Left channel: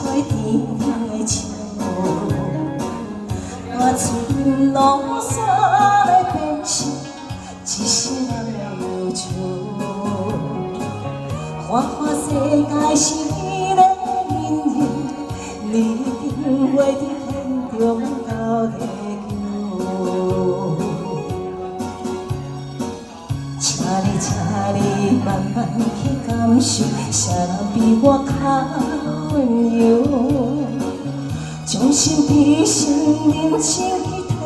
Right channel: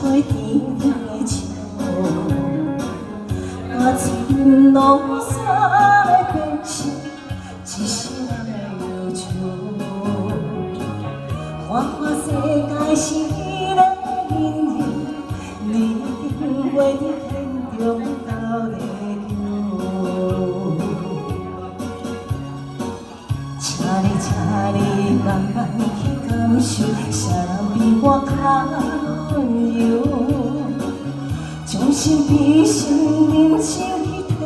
杯甜的酒，把情浓散来变成一生忧愁。看看世界是你的姻缘，你定会伫天中斗地球。请你慢慢去感受，谁比我较温柔？将心比心，认真去体会，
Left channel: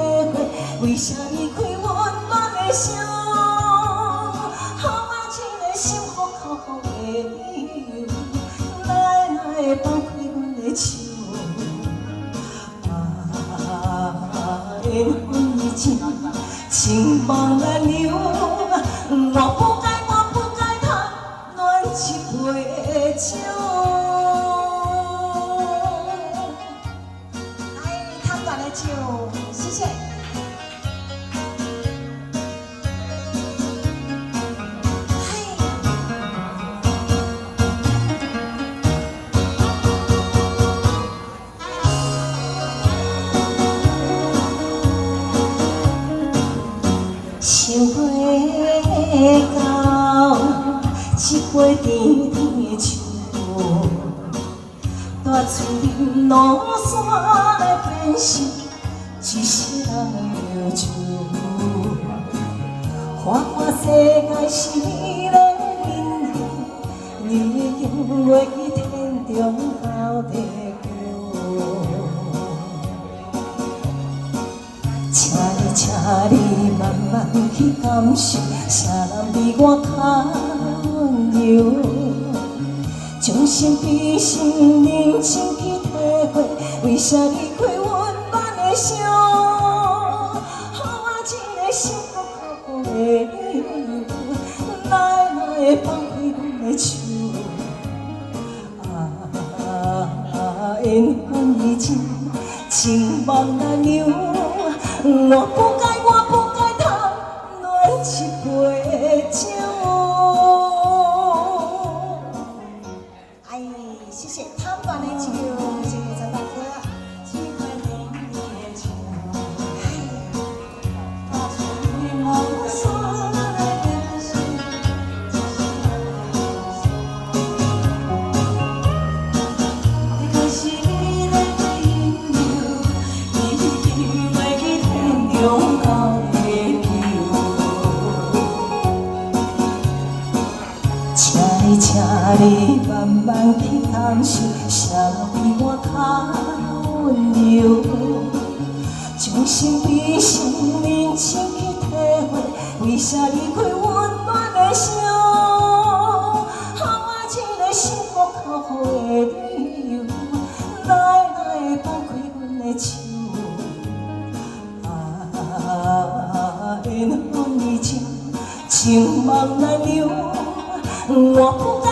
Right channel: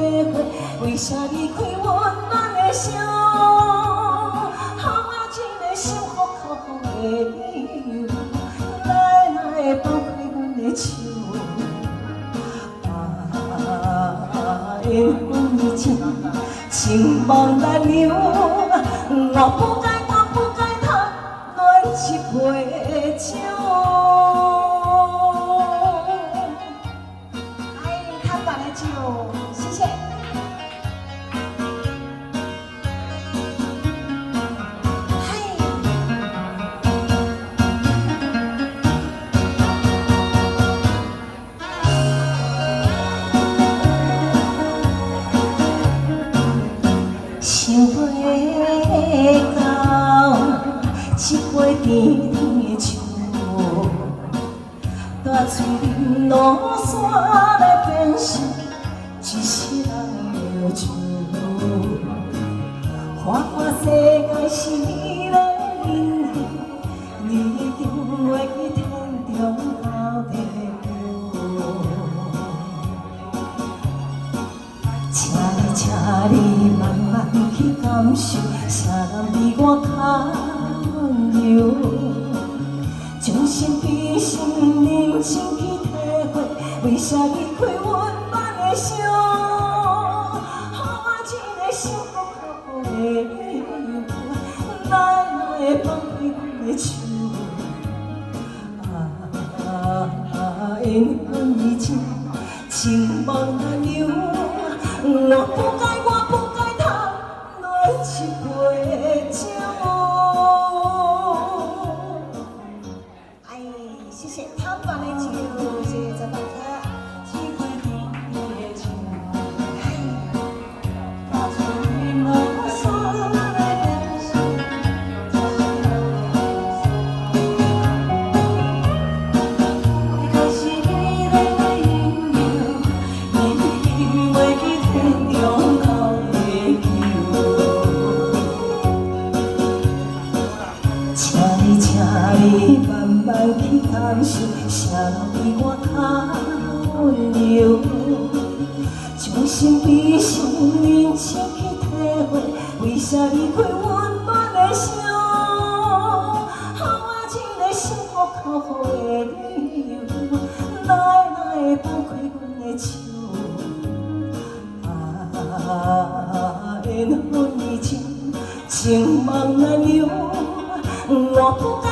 为啥离开温暖的伤？给我一个幸福靠好的理由，来放开阮的手。缘分已尽，情梦难留。我不该贪恋一杯酒。贪恋的酒，谢谢。想袂到一杯甜甜的酒，大嘴饮落山来变成一世人的愁。看看世界是你的姻缘，你一定会去天中斗地球。请你慢慢去感受，啥人比我较温柔？将心比心，认真去体会，为啥离开温暖的伤？给我一个幸福靠好的理由，来放开阮的手。缘分已尽，情梦难留。我不该贪恋一杯酒。哎，谢谢贪恋的酒，谢谢陈大哥。一杯甜甜的酒，把情浓散来变成可惜你的引诱，你定会去天中斗地球。请你慢慢去感受，谁比我较温柔？将心比心，认真去体会，为啥离开温暖的伤？给我一个幸福靠好的理由，来放开阮的手。缘分已尽，情梦难留。我不该。